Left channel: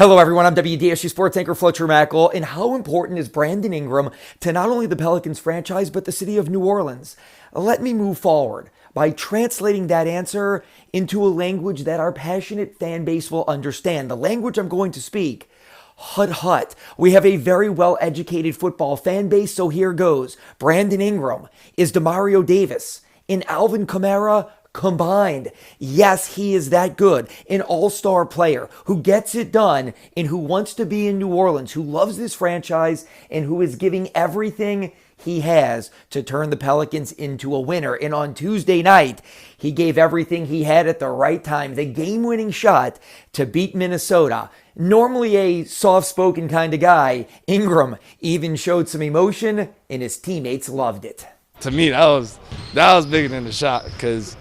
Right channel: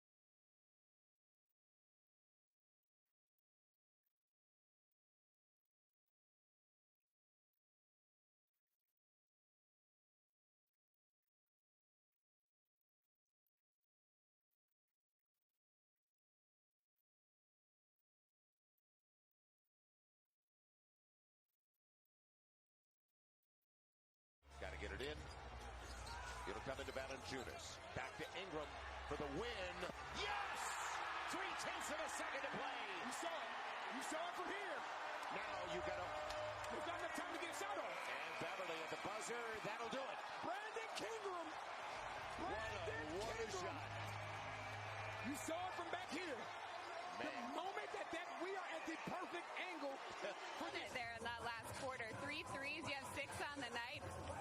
Hello, everyone. I'm WDSU sports anchor Fletcher Mackel. And how important is Brandon Ingram to not only the Pelicans franchise, but the city of New Orleans? Let me move forward by translating that answer into a language that our passionate fan base will understand. The language I'm going to speak. Hut hut. We have a very well educated football fan base, so here goes. Brandon Ingram is Demario Davis and Alvin Kamara combined. Yes, he is that good. An all-star player who gets it done and who wants to be in New Orleans, who loves this franchise, and who is giving everything he has to turn the Pelicans into a winner. And on Tuesday night, he gave everything he had at the right time. The game-winning shot to beat Minnesota. Normally a soft-spoken kind of guy, Ingram even showed some emotion, and his teammates loved it. To me, that was bigger than the shot because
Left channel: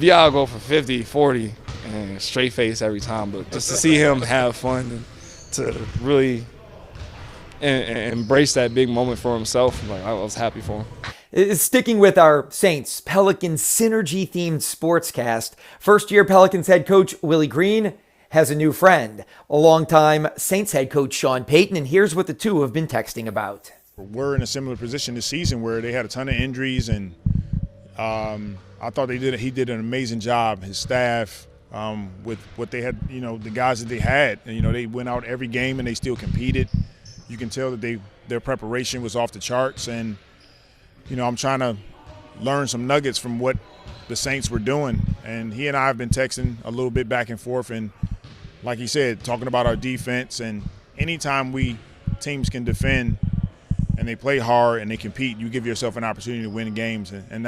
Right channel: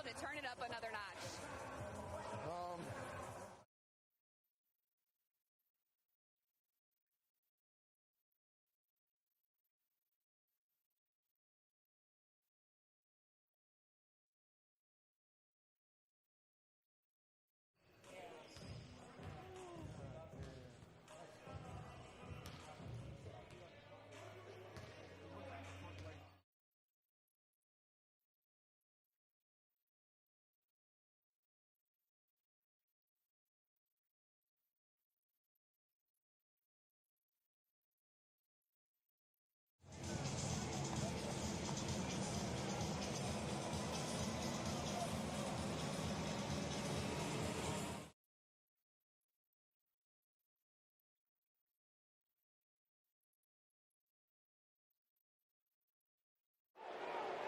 Bial go for 50, 40, and straight face every time. But just to see him have fun and to really embrace that big moment for himself, I was happy for him. Sticking with our Saints Pelicans synergy themed sportscast, first year Pelicans head coach Willie Green has a new friend, a longtime Saints head coach Sean Payton, and here's what the two have been texting about. We're in a similar position this season where they had a ton of injuries, and I thought he did an amazing job. His staff with what they had, the guys that they had, and, they went out every game and they still competed. You can tell that their preparation was off the charts, and I'm trying to learn some nuggets from what the Saints were doing. And he and I have been texting a little bit back and forth, and like he said, talking about our defense. And anytime teams can defend and they play hard and they compete, you give yourself an opportunity to win games. And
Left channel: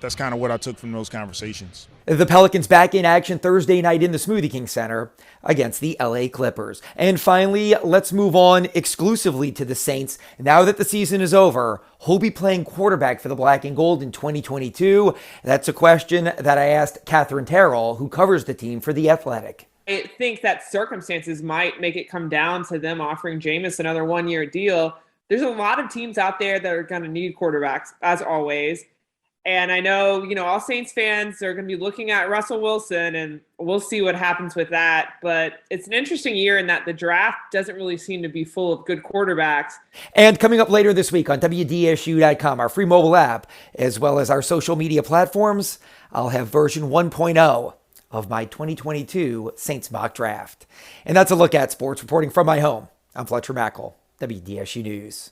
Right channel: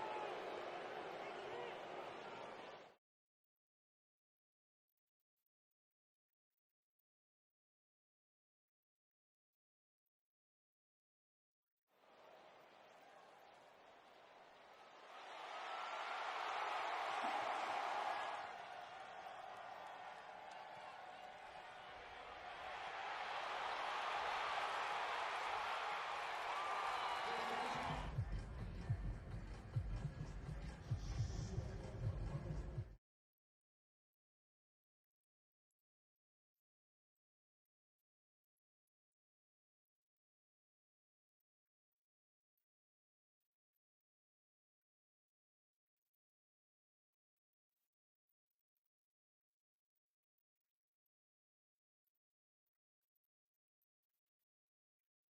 that's kind of what I took from those conversations. The Pelicans back in action Thursday night in the Smoothie King Center against the LA Clippers. And finally, let's move on exclusively to the Saints. Now that the season is over, who'll be playing quarterback for the Black and Gold in 2022? That's a question that I asked Catherine Terrell, who covers the team for The Athletic. I think that circumstances might make it come down to them offering Jameis another one-year deal. There's a lot of teams out there that are going to need quarterbacks, as always. And I know, all Saints fans are going to be looking at Russell Wilson, and we'll see what happens with that. But it's an interesting year in that the draft doesn't really seem to be full of good quarterbacks. And coming up later this week on WDSU.com, our free mobile app, as well as our social media platforms, I'll have version 1.0 of my 2022 Saints mock draft. And that's a look at sports reporting from my home. I'm Fletcher Mackel, WDSU News.